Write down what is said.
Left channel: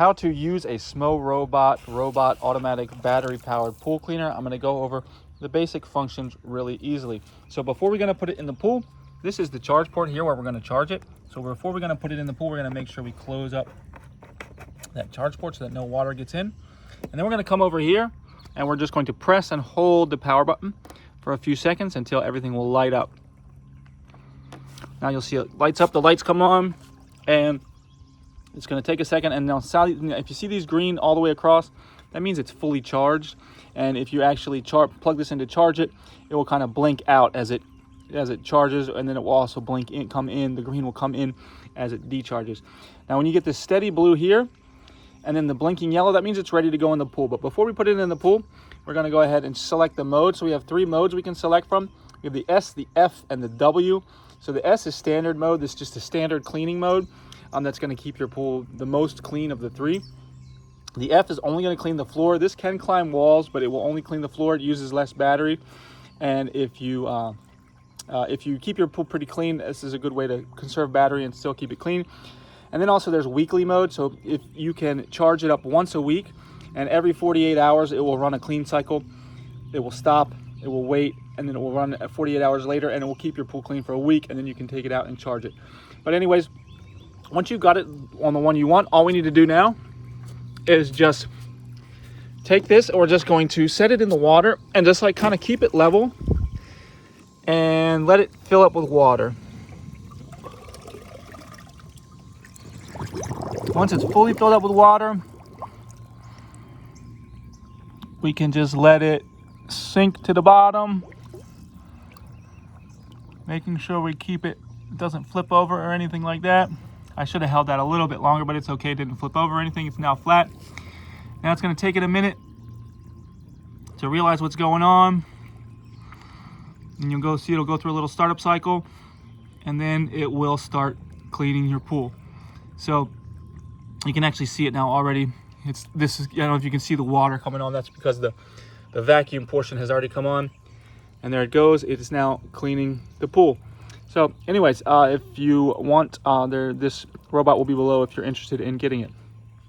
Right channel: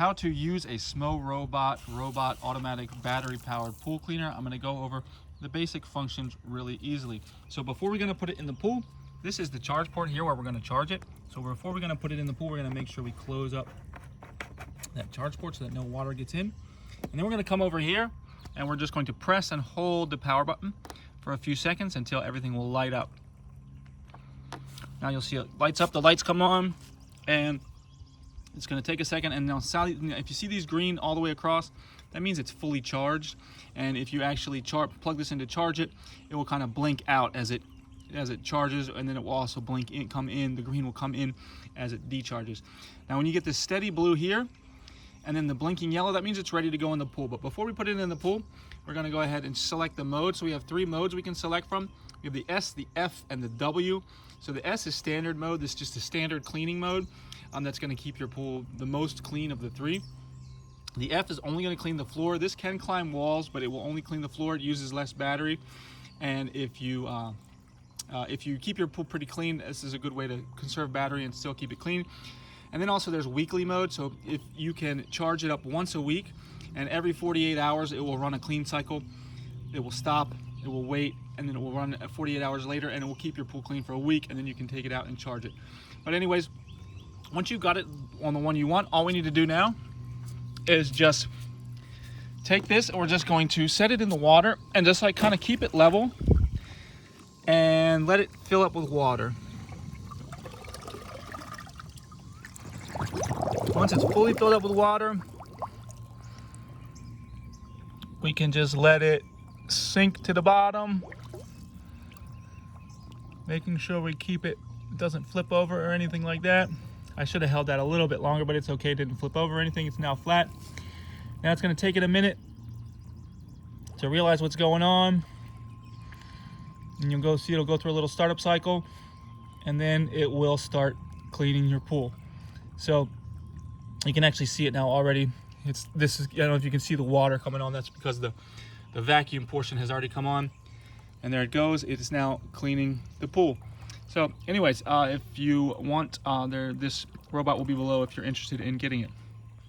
how to use a Smorobot robot automatic battery powered pool cleaner. I'm going to go over the basic functions really easily. So before we're going to put it in the pool, this is the charge port here where we're going to charge it. So before we're going to put it in the pool, we're going to make sure we close up that charge port so that no water gets in. And then we're going to come over here and we're just going to press and hold the power button for a few seconds until everything will light up. Now you'll see it lights up, the lights come on, and it's going to take a second. And now if you see these green all the way across, that means it's fully charged. And if you actually plug this in to charge it, it will kind of blink out as it charges, and then it will also blink in, come in. The green will come in as it decharges. Now when you get this steady blue here and then the blinking yellow, that means it's ready to go in the pool. But before we put it in the pool, we're going to go ahead and select the mode. So we have 3 modes we can select from. We have the S, the F, and the W. So the S is standard mode. This is just a standard cleaning mode. That's going to keep your pool the most clean of the 3. The F is only going to clean the floor. This can climb walls, but it will only clean the floor. It uses less battery. And if you keep your pool pretty clean, this is a good way to conserve battery and still keep it clean. And then also there's weekly mode. So if you can charge it up once a week, and every 48 hours it will run a clean cycle. It will stop, it will wait, and then it will run 48 hours later, and it will keep your pool clean for a week, and then you can take it out and charge it. But anyways, once you've got it on the one you want, all we need to do now is just take this, and we're just going to set it in the water and just like kind of keep it level and let it fill up with water. Once it's fully filled up with water, we can just let it sink to the bottom, making sure we keep it doesn't flip over or anything like that. I should have held that a little bit longer, but it's okay. It didn't flip over or anything. It's now flat. Now it's going to take it a minute to realize what's going on, and you'll see it'll go through a little startup cycle, and then it will start cleaning your pool. So you can actually see it now already. I don't know if you can see the water coming on. That's because the vacuum portion has already come on, and there it goes. It is now cleaning the pool. So anyways, if you want, this robot will be below if you're interested in getting it.